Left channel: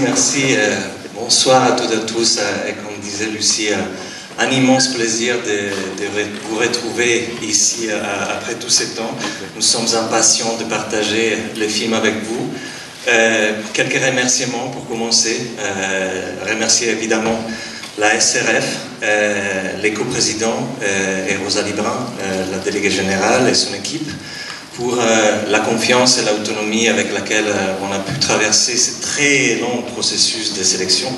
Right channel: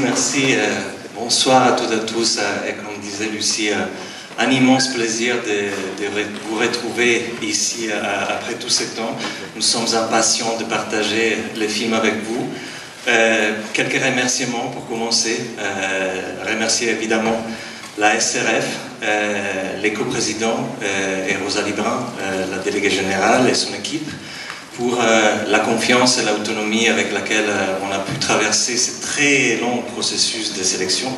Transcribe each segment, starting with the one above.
merci. Bonsoir à toutes et à tous. Et comme disait Lucie, un immense plaisir de vous retrouver ici après tout ce temps. Nous sommes impatients de partager le film avec vous. Quelques remerciements pour commencer. Remercier évidemment la SRF, les coprésidents et Rosalie Brun, la déléguée générale et son équipe, pour la confiance et l'autonomie avec laquelle on a pu traverser ce très long processus de sélection,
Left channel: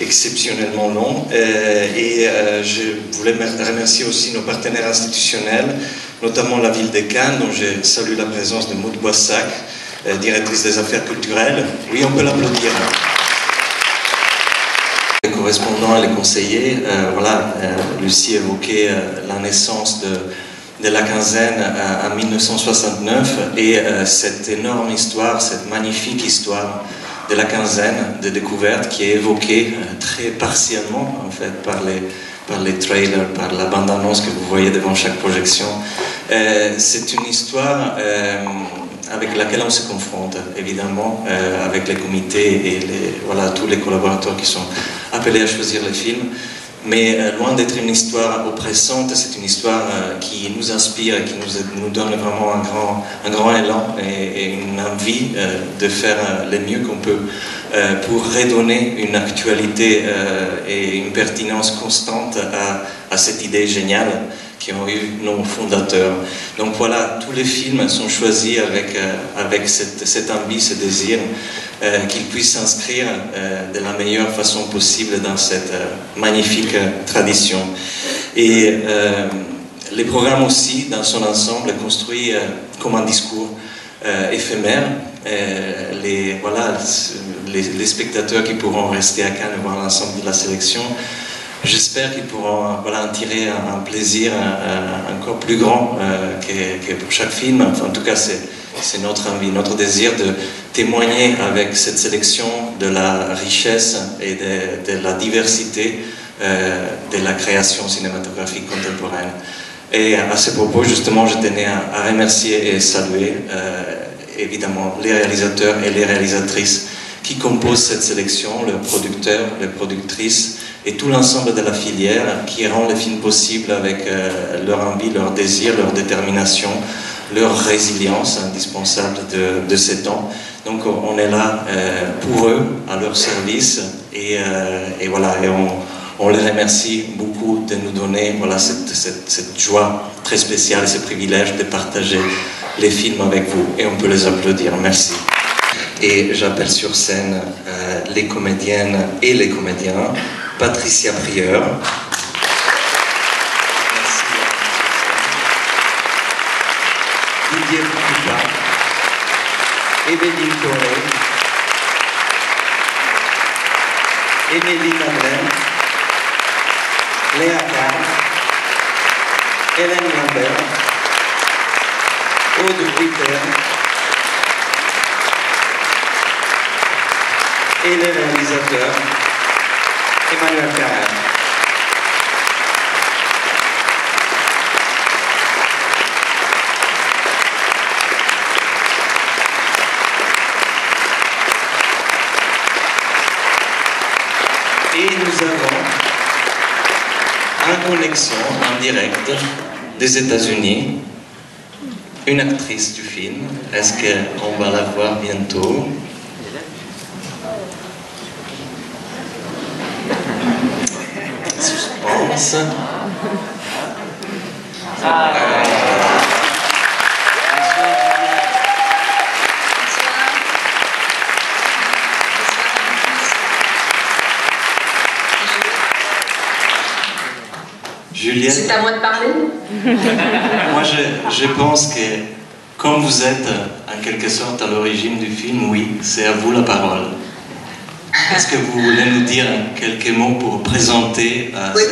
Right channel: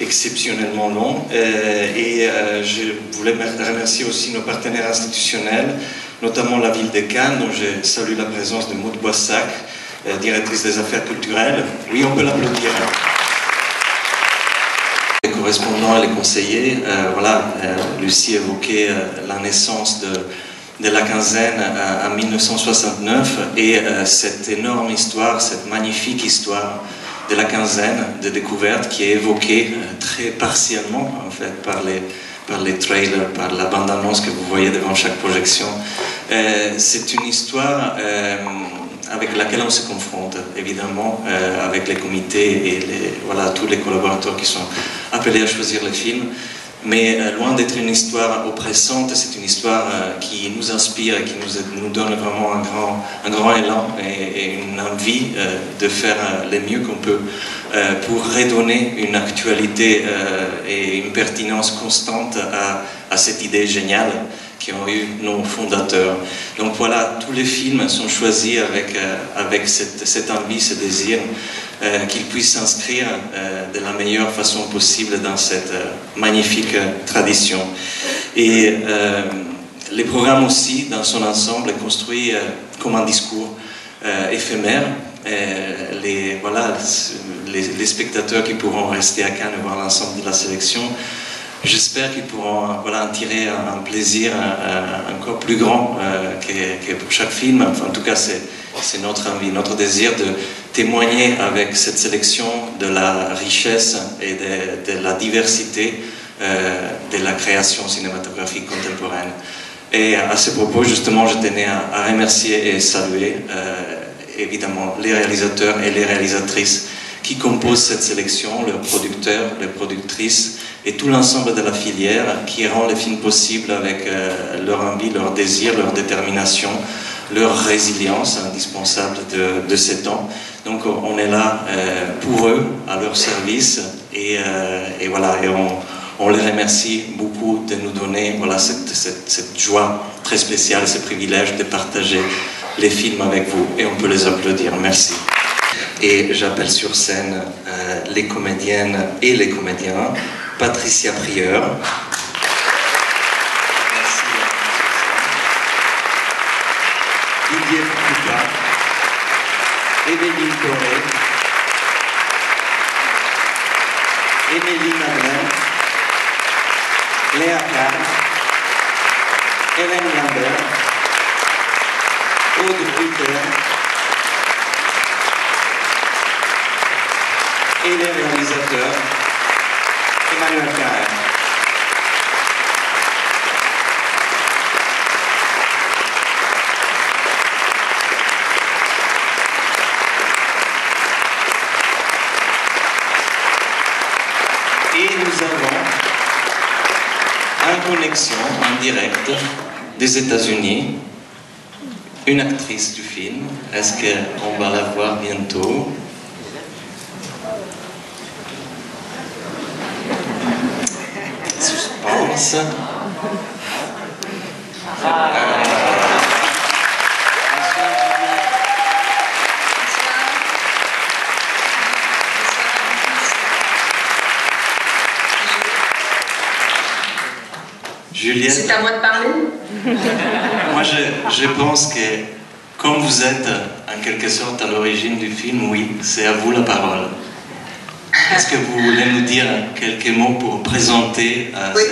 exceptionnellement long. Je voulais remercier aussi nos partenaires institutionnels, notamment la ville de Cannes, dont je salue la présence de Maud Boissac, directrice des affaires culturelles. Oui, on peut l'applaudir. Les correspondants et les conseillers, Lucie évoquait la naissance de la quinzaine en 1969 et cette énorme histoire, cette magnifique histoire de la quinzaine de découverte qui est évoquée très partiellement en fait par les trailers, par la bande-annonce que vous voyez devant chaque projection. C'est une histoire avec laquelle on se confronte évidemment avec les comités et tous les collaborateurs qui sont appelés à choisir les films. Mais loin d'être une histoire oppressante, c'est une histoire qui nous inspire et qui nous donne vraiment un grand élan et une envie de faire le mieux qu'on peut pour redonner une actualité et une pertinence constante à cette idée géniale qui ont eu nos fondateurs. Donc voilà, tous les films sont choisis avec cette envie, ce désir qu'ils puissent s'inscrire de la meilleure façon possible dans cette magnifique tradition. Et les programmes aussi, dans son ensemble, est construit comme un discours éphémère. Les spectateurs qui pourront rester à Cannes et voir l'ensemble de la sélection, j'espère qu'ils pourront en tirer un plaisir encore plus grand que pour chaque film. Enfin, en tout cas, c'est notre envie, notre désir de témoigner avec cette sélection de la richesse et de la diversité de la création cinématographique contemporaine. Et à ce propos, justement, je tenais à remercier et saluer évidemment les réalisateurs et les réalisatrices qui composent cette sélection, leurs producteurs, les productrices et tout l'ensemble de la filière qui rend le film possible avec leur envie, leur désir, leur détermination, leur résilience indispensable de ces temps. Donc on est là pour eux, à leur service, et on les remercie beaucoup de nous donner cette joie très spéciale et ce privilège de partager les films avec vous, et on peut les applaudir. Merci. Et j'appelle sur scène les comédiennes et les comédiens. Patricia Prieur. Didier Poupa, Émilie Corré, Émilie Madeleine, Léa Kahn, Hélène Lambert, Aude Ritter et les réalisateurs Emmanuel Carrère. Et nous avons en connexion, en direct, des États-Unis, une actrice du film. Est-ce qu'on va la voir bientôt? Suspense. Juliette. C'est à moi de parler. Moi, je pense que, comme vous êtes en quelque sorte à l'origine du film, oui, c'est à vous la parole. Est-ce que vous voulez nous dire quelques mots pour présenter oui.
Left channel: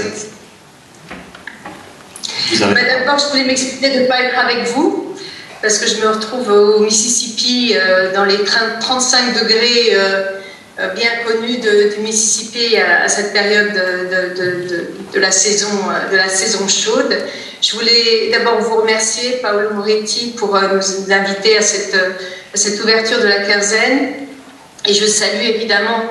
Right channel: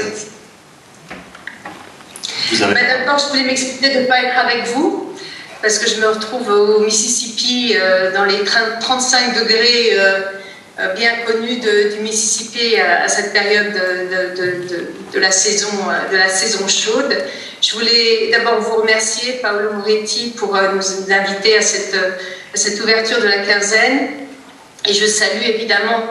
Vous avez... D'abord, je voulais m'excuser de ne pas être avec vous, parce que je me retrouve au Mississippi, dans les 35 degrés bien connus du Mississippi à cette période de la saison chaude. Je voulais d'abord vous remercier, Paolo Moretti, pour nous inviter à cette ouverture de la quinzaine. Et je salue évidemment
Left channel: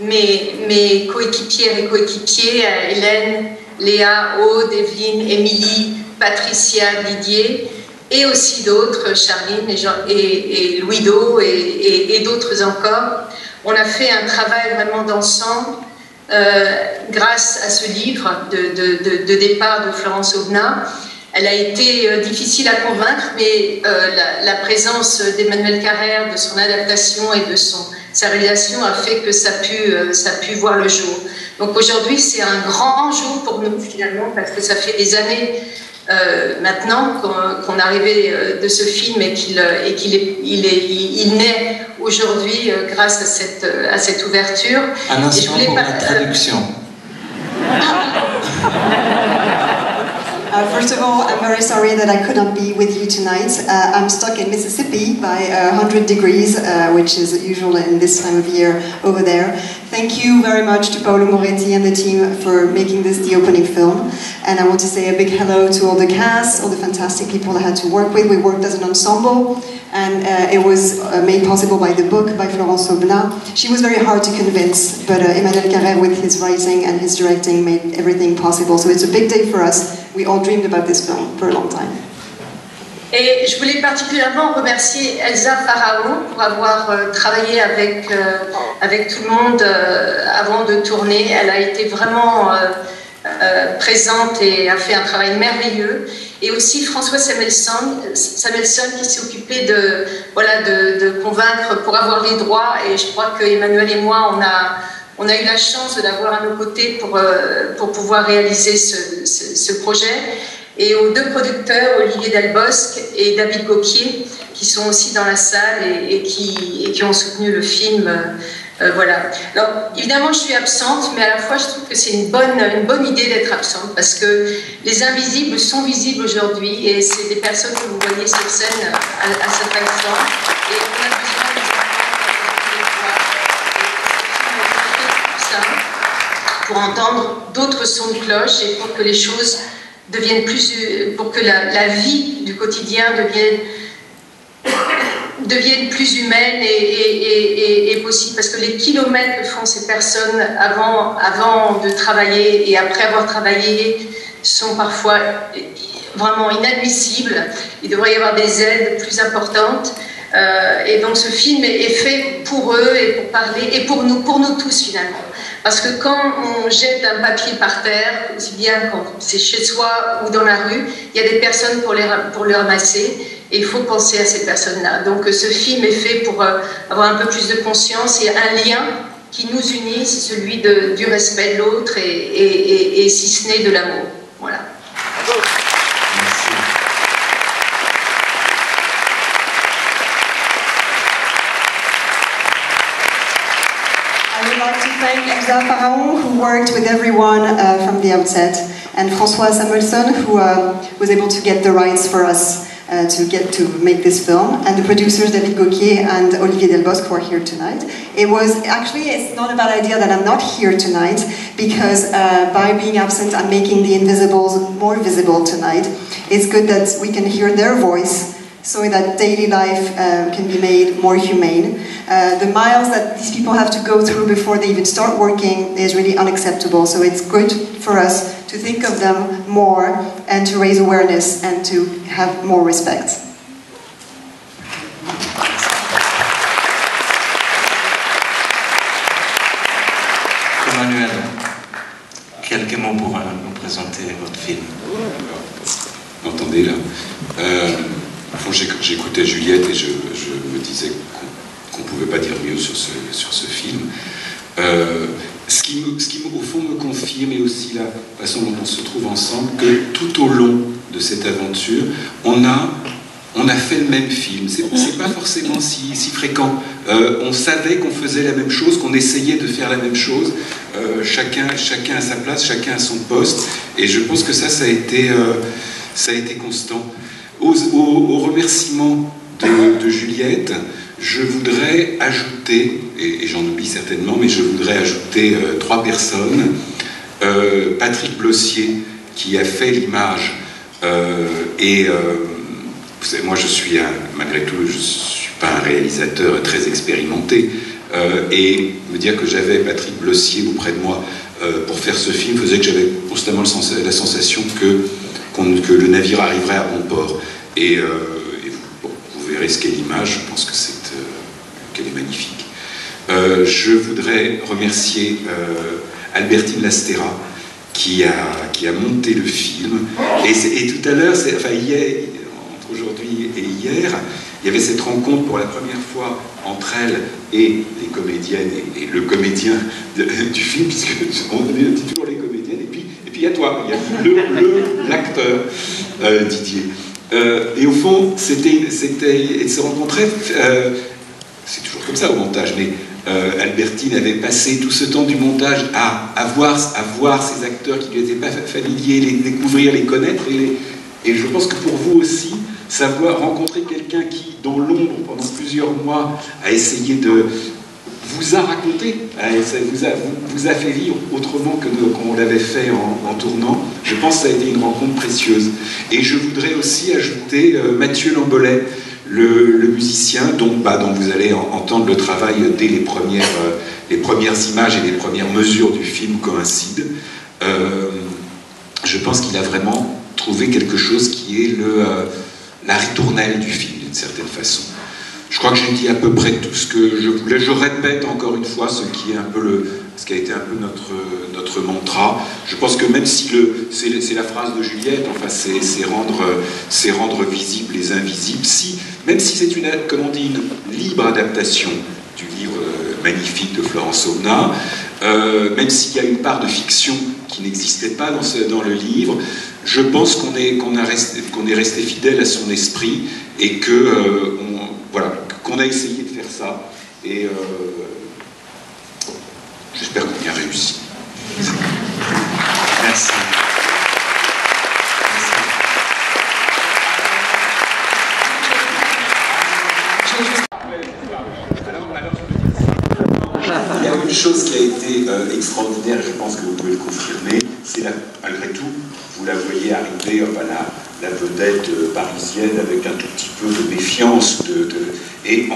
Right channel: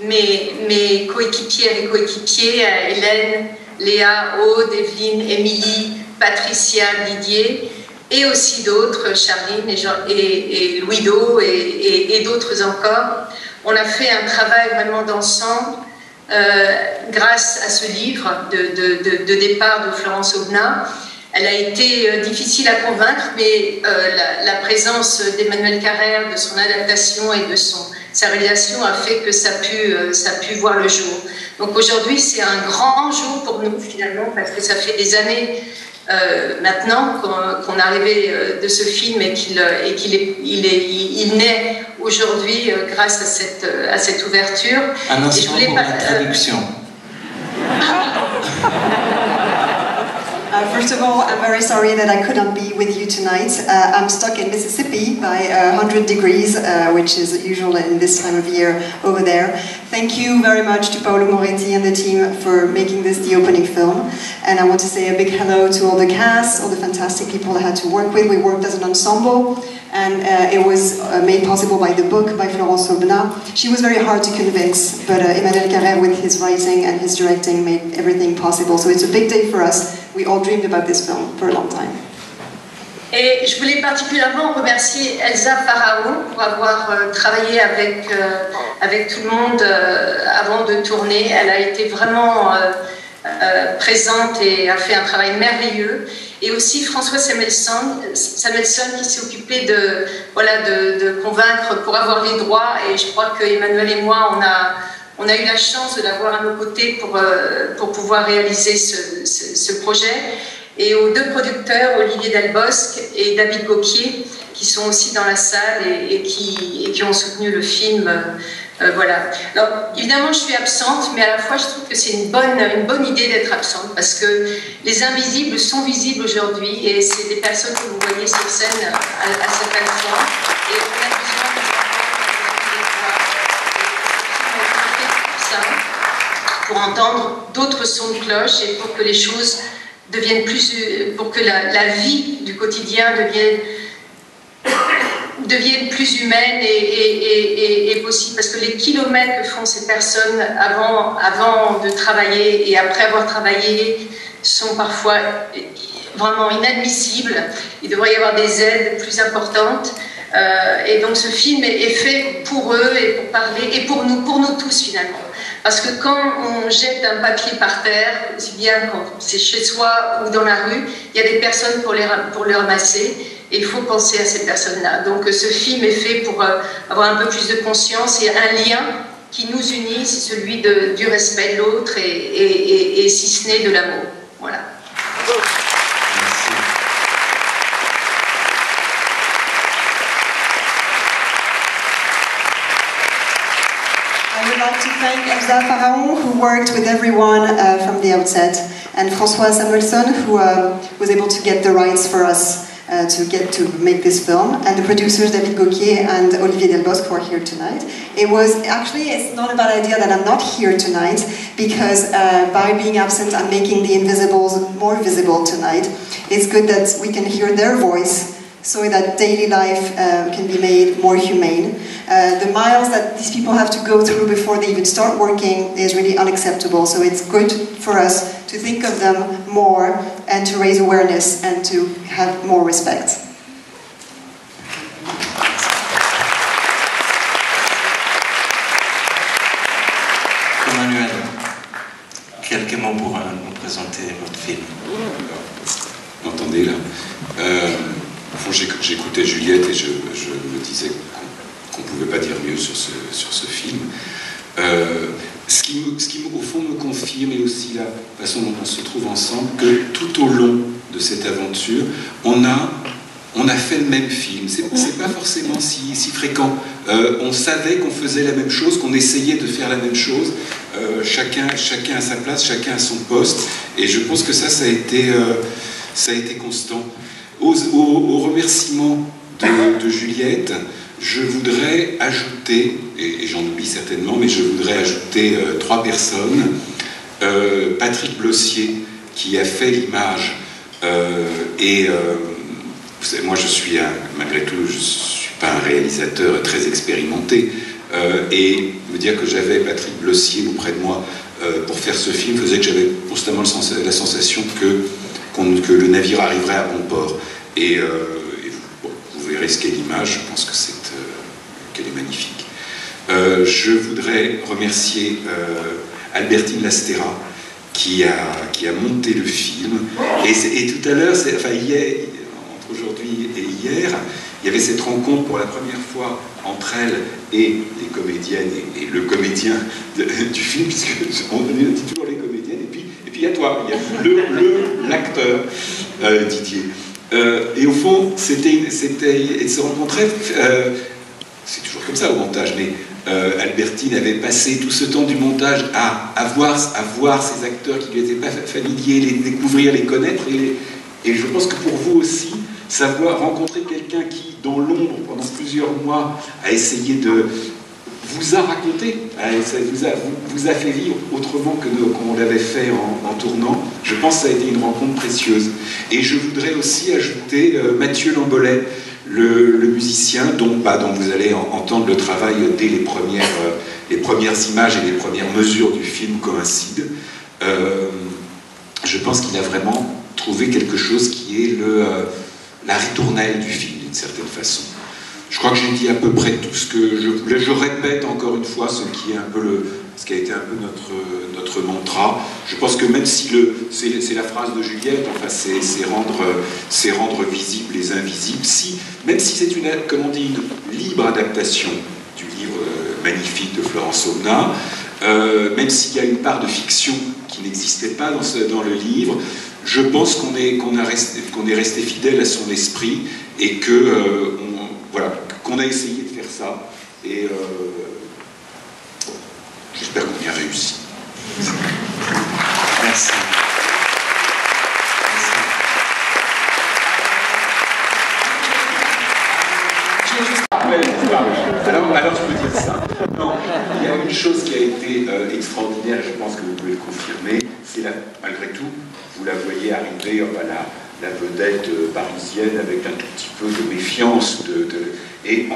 mes coéquipières et coéquipiers, Hélène, Léa, Aude, Evelyne, Émilie, Patricia, Didier, et aussi d'autres, Charline et Louis-Do et d'autres encore. On a fait un travail vraiment d'ensemble grâce à ce livre de départ de Florence Aubenas. Elle a été difficile à convaincre, mais la présence d'Emmanuel Carrère, de son adaptation et de sa réalisation a fait que ça a pu voir le jour. Donc aujourd'hui, c'est un grand jour pour nous finalement, parce que ça fait des années maintenant qu'on est arrivé de ce film et qu'il naît aujourd'hui grâce à cette ouverture. Un instant pour la traduction. First of all, I'm very sorry that I couldn't be with you tonight. I'm stuck in Mississippi by 100 degrees, which is usual in this time of year over there. Thank you very much to Paolo Moretti and the team for making this the opening film. And I want to say a big hello to all the cast, all the fantastic people I had to work with. We worked as an ensemble, and it was made possible by the book by Florence Aubenas. She was very hard to convince, but Emmanuel Carrère, with his writing and his directing, made everything possible. So it's a big day for us. We all dreamed about this film for a long time. Et je voulais particulièrement remercier Elsa Pharaon pour avoir travaillé avec tout le monde avant de tourner. Elle a été vraiment présente et a fait un travail merveilleux. Et aussi François Samuelson qui s'est occupé de convaincre pour avoir les droits. Et je crois que Emmanuel et moi, on a eu la chance de l'avoir à nos côtés pour pouvoir réaliser ce projet. Et aux deux producteurs, Olivier Delbosque et David Gauquier, qui sont aussi dans la salle et qui ont soutenu le film. Voilà. Alors, évidemment, je suis absente, mais à la fois, je trouve que c'est une bonne idée d'être absente, parce que les invisibles sont visibles aujourd'hui, et c'est des personnes que vous voyez sur scène à certaines fois. Et on a besoin de pour entendre d'autres sons de cloche et pour que les choses deviennent pour que la vie du quotidien devienne plus humaine et possible, parce que les kilomètres que font ces personnes avant de travailler et après avoir travaillé sont parfois vraiment inadmissibles. Il devrait y avoir des aides plus importantes. Et donc ce film est fait pour eux et pour parler, et pour nous tous finalement. Parce que quand on jette un papier par terre, aussi bien quand c'est chez soi ou dans la rue, il y a des personnes pour les ramasser, et il faut penser à ces personnes-là. Donc ce film est fait pour avoir un peu plus de conscience et un lien qui nous unit, c'est celui du respect de l'autre et si ce n'est de l'amour. Voilà. I would like to thank Elsa Pharaon, who worked with everyone from the outset, and François Samuelson, who was able to get the rights for us to make this film, and the producers David Gauquier and Olivier Delbosque, who are here tonight. It's not a bad idea that I'm not here tonight, because by being absent, I'm making the invisibles more visible tonight. It's good that we can hear their voice, so that daily life can be made more humane. The miles that these people have to go through before they even start working is really unacceptable, so it's good for us to think of them more and to raise awareness and to have more respect. Emmanuel, quelques mots pour nous présenter votre film. Vous m'entendez là? J'écoutais Juliette et je me disais qu'on ne pouvait pas dire mieux sur ce film. Ce qui au fond me confirme, et aussi la façon dont on se trouve ensemble, que tout au long de cette aventure, on a fait le même film. C'est pas forcément si fréquent. On savait qu'on faisait la même chose, qu'on essayait de faire la même chose. Chacun à sa place, chacun à son poste. Et je pense que ça a été constant. Au remerciement de Juliette, je voudrais ajouter, et j'en oublie certainement, mais je voudrais ajouter 3 personnes. Patrick Blossier, qui a fait l'image, moi malgré tout, je ne suis pas un réalisateur très expérimenté, et me dire que j'avais Patrick Blossier auprès de moi pour faire ce film faisait que j'avais constamment la sensation que le navire arriverait à bon port. Et bon, vous verrez ce qu'est l'image, je pense que qu'elle est magnifique. Je voudrais remercier Albertine Lastera qui a monté le film. Et tout à l'heure, enfin hier, entre aujourd'hui et hier, il y avait cette rencontre pour la première fois entre elle et les comédiennes et le comédien du film, puisque on dit toujours les comédiennes, et puis il y a toi, il y a l'acteur Didier. Et au fond, ils se rencontraient, c'est toujours comme ça au montage, mais Albertine avait passé tout ce temps du montage à voir ces acteurs qui lui étaient pas familiers, les découvrir, les connaître, et je pense que pour vous aussi, rencontrer quelqu'un qui, dans l'ombre, pendant plusieurs mois, a essayé de vous a raconté, vous a fait vivre autrement que qu'on l'avait fait en tournant. Je pense que ça a été une rencontre précieuse. Et je voudrais aussi ajouter Mathieu Lambolet, le musicien dont vous allez entendre le travail dès les premières images et les premières mesures du film coïncident. Je pense qu'il a vraiment trouvé quelque chose qui est la ritournelle du film, d'une certaine façon. Je crois que j'ai dit à peu près tout ce que je voulais. Je répète encore une fois ce qui a été un peu notre mantra. Je pense que même si c'est la phrase de Juliette, enfin c'est rendre visibles les invisibles. Même si c'est une libre adaptation du livre magnifique de Florence Aubenas, même s'il y a une part de fiction qui n'existait pas dans le livre, je pense qu'on est resté fidèle à son esprit et qu'on a essayé de faire ça. Et j'espère qu'on y a réussi. Merci. Alors je peux dire ça. Il y a une chose qui a été extraordinaire, et je pense que vous pouvez le confirmer, c'est malgré tout, vous la voyez arriver, la vedette parisienne avec un tout petit peu de méfiance, et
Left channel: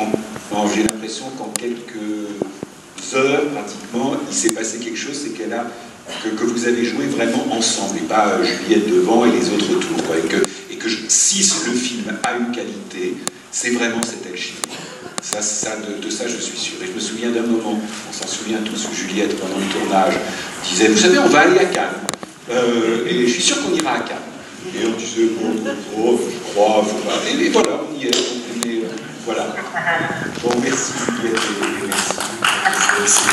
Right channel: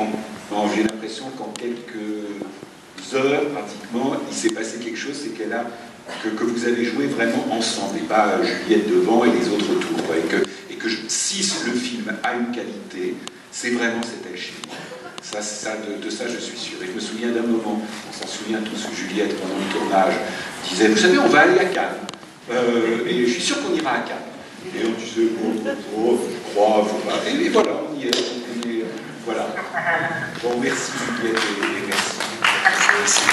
j'ai l'impression qu'en quelques heures, pratiquement, il s'est passé quelque chose, c'est que vous avez joué vraiment ensemble, et pas Juliette devant et les autres autour, quoi, et que si le film a une qualité, c'est vraiment cette alchimie. De ça, je suis sûr. Et je me souviens d'un moment, on s'en souvient tous, où Juliette, pendant le tournage, disait, vous savez, on va aller à Cannes. Et je suis sûr qu'on ira à Cannes. Et on disait, je crois, faut pas. Et voilà, on y est. Voilà. Bon, merci Juliette et merci. Merci.